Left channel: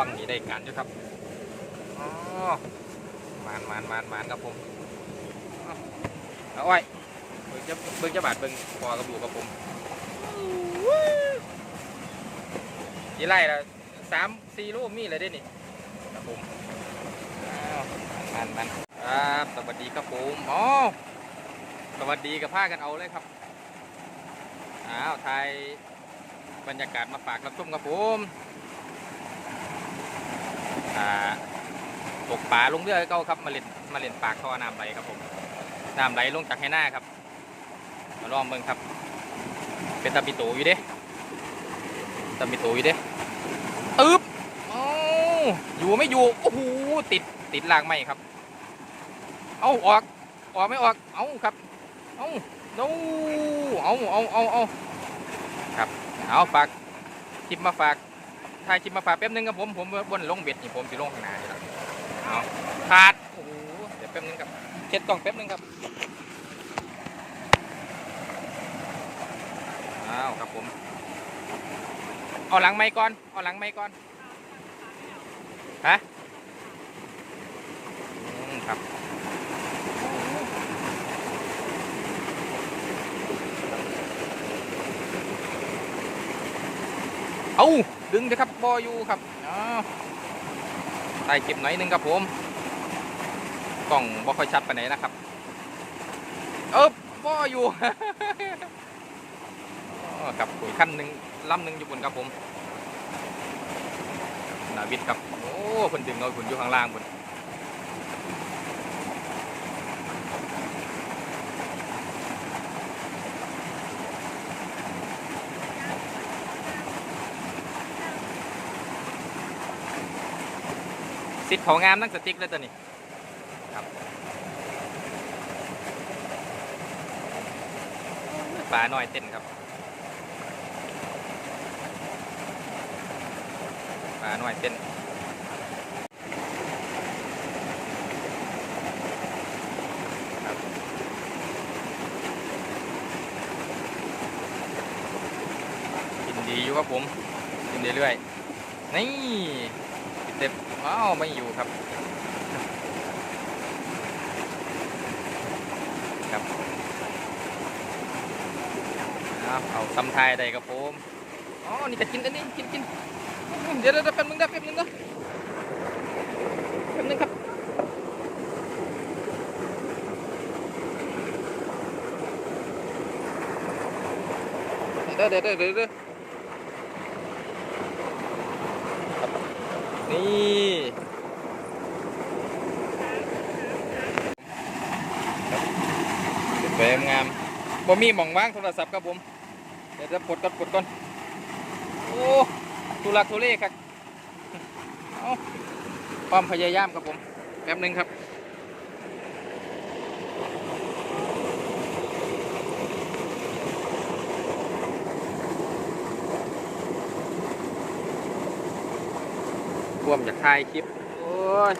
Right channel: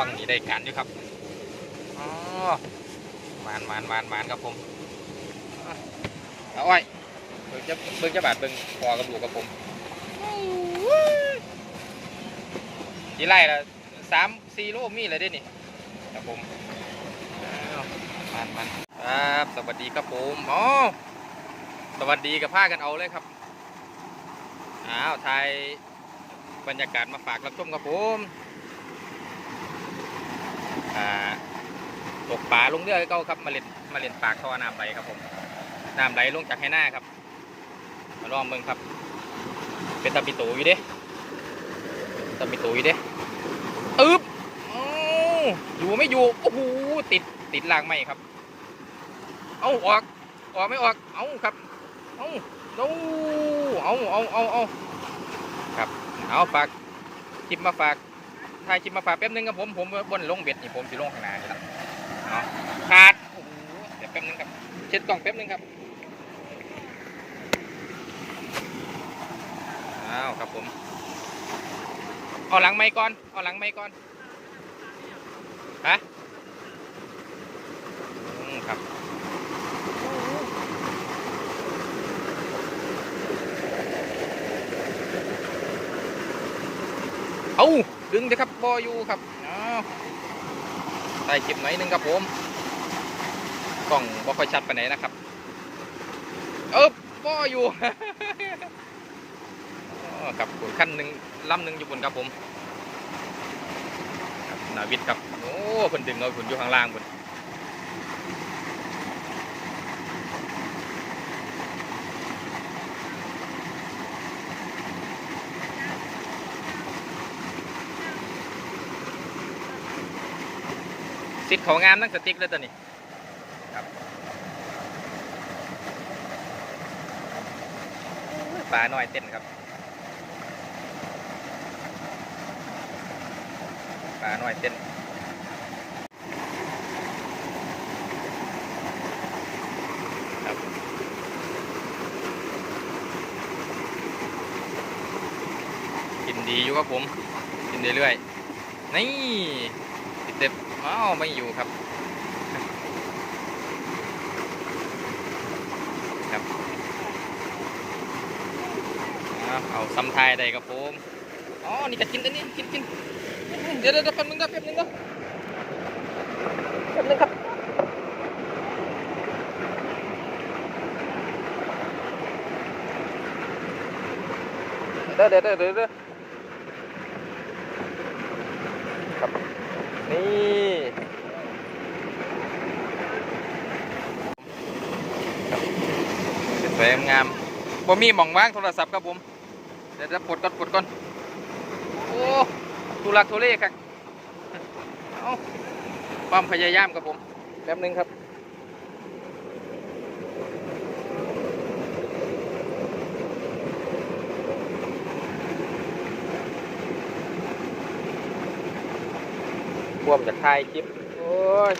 วังนี่ได้การอยู่ครับอ๋อมานมานมานมานครับผมอะเอาไว้เบิ่งจะเบิ่งจะบาดเบิ่งพอกับลูกกับผมนี่ไล่ละสามสี่โลมีเลยเด้นี่ครับผมอ้าวมันมันครับสวัสดีครับผมอ๋อสวัสดีกับผ้ากันเอาเลยครับอ้าวไทยบรรยากาศมาฝากรับชมครับผมอ่า ตกปลาลงเรือเก่าครับมาเล่นมาเล่นปากท่อน้ำไหลครับผมน้ำไหลลงจากให้หน้าครับมาลองเบิ่งครับ เป็นตะปิโตอยู่เด้ตะปิโตอยู่เด้อึ๊บอ้อยู่ไม่อยู่โอ้โหติดติดรางไหมครับ เอาออกออกไม่ออกเอาครับเอาเอาเอาเอาเอาเอาครับเอาฝากคลิปมาฝาก ถ่ายคลิปมาฝากแป๊บนึงครับผมผมบนลงเบ็ดนี่ผมสิลงข้างหน้านี่ละเนาะขาดโอ้โหเดี๋ยวแป๊บนึงครับเช็ดกล่องแป๊บนึงครับอ้าวครับผมเอาหลังไม้ก่อนเอาหลังไม้ก่อนฮะครับเอา ดึงเถอะครับบออยู่ครับอ้าวใส่คลิปไหนอยหนึงครับผมกล่องบอค่อยชัดไปไหนนะครับ เออบออยู่ครับขั้นหนึ่งลำหนึ่งอยู่บนครับผมนาวิทครับโอ้คนดึงเอาคนอยู่ข้างล่างบน สิทธิ์เขางามนักสติ๊กเลยตัวนี้ครับปลาหน่อยเต้นครับปลาหน่อยเต้นครับกินดีอยู่ครับผม กินเรื่อยๆนี่ เต็มอ้าวไม่อยู่ครับ ครับเอาซ้ำทายได้ครับผมอ๋อนี่ก็กินอันนี้กินกินเดี๋ยวเดี๋ยวเดี๋ยวแป๊บนึงนะแป๊บนึงนะแป๊บนึงครับเดี๋ยวเดี๋ยวเดี๋ยวเดี๋ยวเดี๋ยวครับ นี่ ครับสวยงามบ่มีหม่องว่างโทรศัพท์ครับผม เดี๋ยวจะปลดก่อนปลดก่อน โอ้ทุลักทุเลครับ เอาความพยายามครับผม แป๊บหนึงครับ รวมจากถ่ายคลิป โอ้ย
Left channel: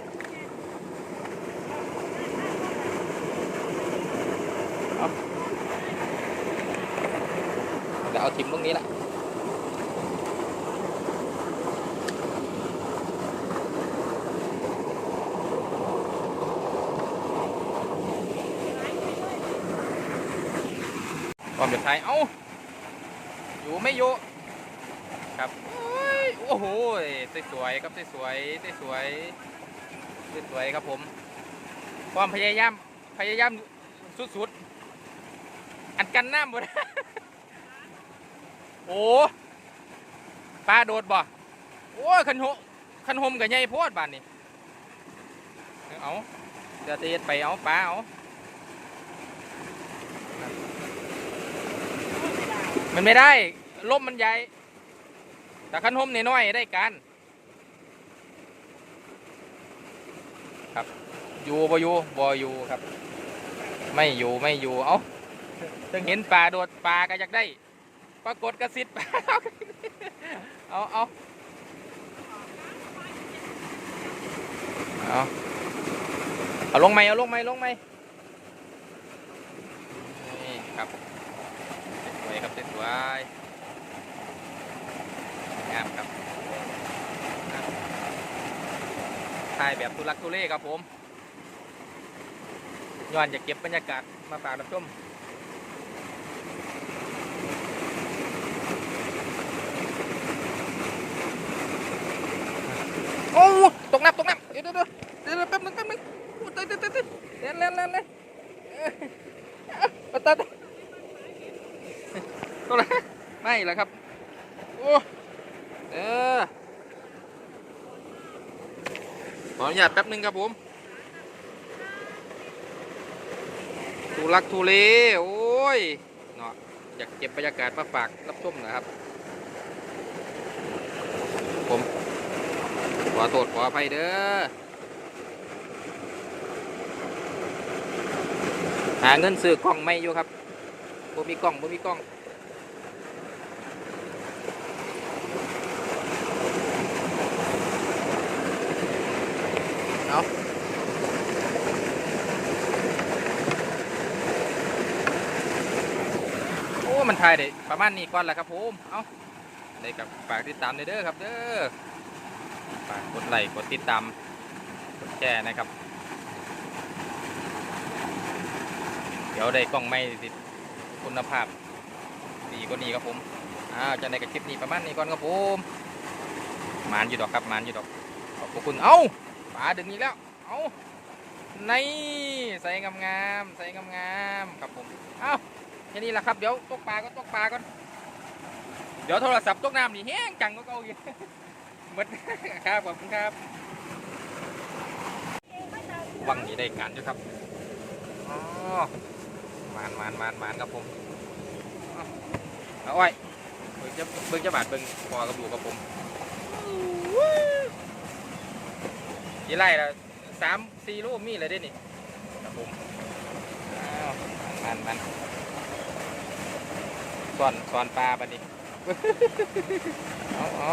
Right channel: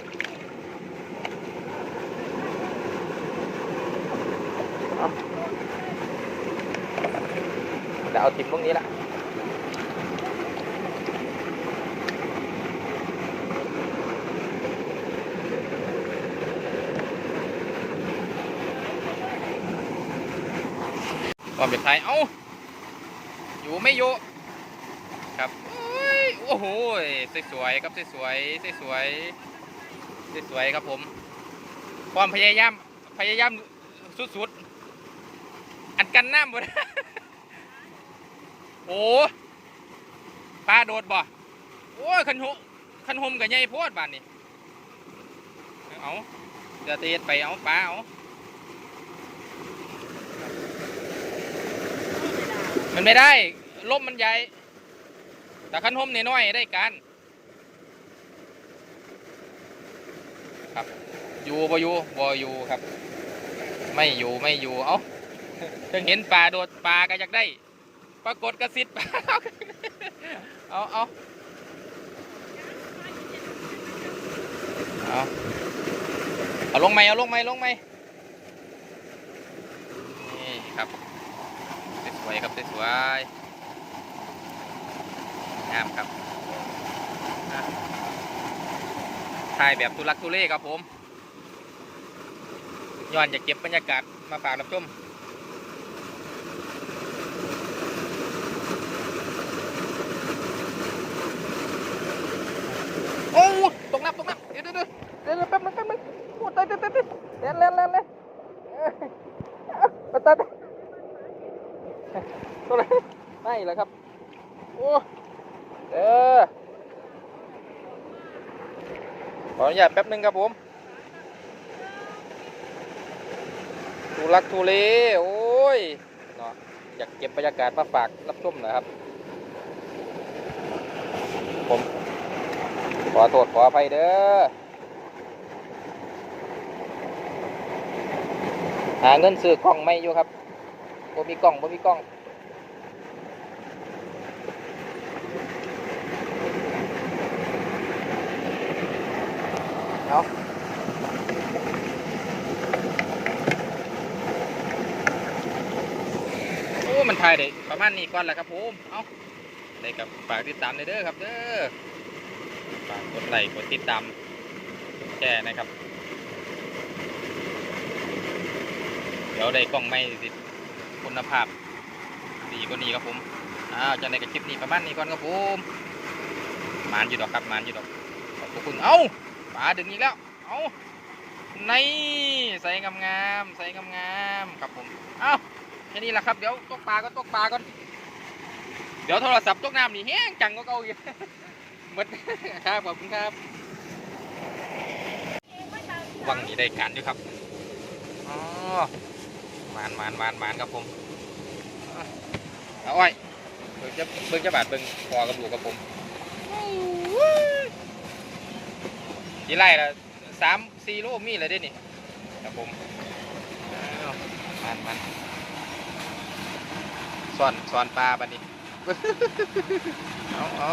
เดี๋ยวเอาทิมตรงนี้ละความเป็นไทยเอ้า อยู่ไม่อยู่ครับ โอ้โอ้โหสวยๆครับสวยๆสวยๆสวยๆครับผม ความพยายามพยายามสุดๆ อันกันน้ำหมดโอ้ปลาโดดบ่ โอ้ยคันโหคันหมกับใหญ่โพดบ้านนี่เอาเดี๋ยวเตะไปเอาปลาเอามันไม่ได้ลมมันใหญ่ แต่คันหมน้อยๆได้การครับ อยู่บ่อยู่บ่อยู่ครับ ไม่อยู่ไม่อยู่ เอาถึงเห็นปลาโดดปลาก็อยากได้ ปรากฏกระสิทธิ์เอาเอาเอาเอาลงไหมเอาลงไหมลงไหมนี่ครับสวยครับสวย งามครับถ่ายแบบทุลักทุเลครับผมย้อนอยากเก็บบรรยากาศมาฝากรับชมโอ้ตกน้ำตกน้ำเดี๋ยวเดี๋ยวเดี๋ยวเดี๋ยวแป๊บนึงแป๊บนึงโอ้ตายตายตายตายเล่นเล่นเล่นเล่นเอ้ยเอ้ยตายตายตัวอะไรไม่เหรอครับโอ้ เออขออนุญาตแป๊บนึงครับผมทุลักทุเลโอ้ยเนาะอยากเก็บบรรยากาศมาฝากรับชมนะครับ ผมขอโทษขออภัยเด้อหาเงินซื้อกล้องไม่อยู่ครับบ่มีกล้องบ่มีกล้อง เอาโอ้ มันถ่ายได้ประมาณนี้ก่อนแหละครับผมเอาได้กับฝากติดตามเลยเด้อครับเด้อฝากกดไลค์กดติดตามกดแชร์นะครับ เดี๋ยวได้กล้องไม่ติดคุณภาพดีกว่านี้ครับผมอ้าวจะในกับคลิปนี้ประมาณนี้ก่อนครับผมมานอยู่ดอกครับมานอยู่ดอกขอบคุณเอ้าปลาดึงอีกแล้วเอ้าในใส่งามๆใส่งามๆครับผมเอ้า แค่นี้แหละครับเดี๋ยวตกปลาก็ตกปลาก่อนเดี๋ยวโทรศัพท์ตกน้ำนี่แห้งจังก็เก่าอยู่หมดครับขอบคุณครับวังนี้ได้การด้วยครับอ๋อมานมานมานมานครับผมอะเอาไว้เบิ่งจะเบิ่งจะบาดเบิ่งพอกับดูกับผมที่ไล่ละสามสี่โลมีเลยเด้นี่ครับผมอ้าวมันมัน สอนสอนปลาบัดนี้ เอาเอา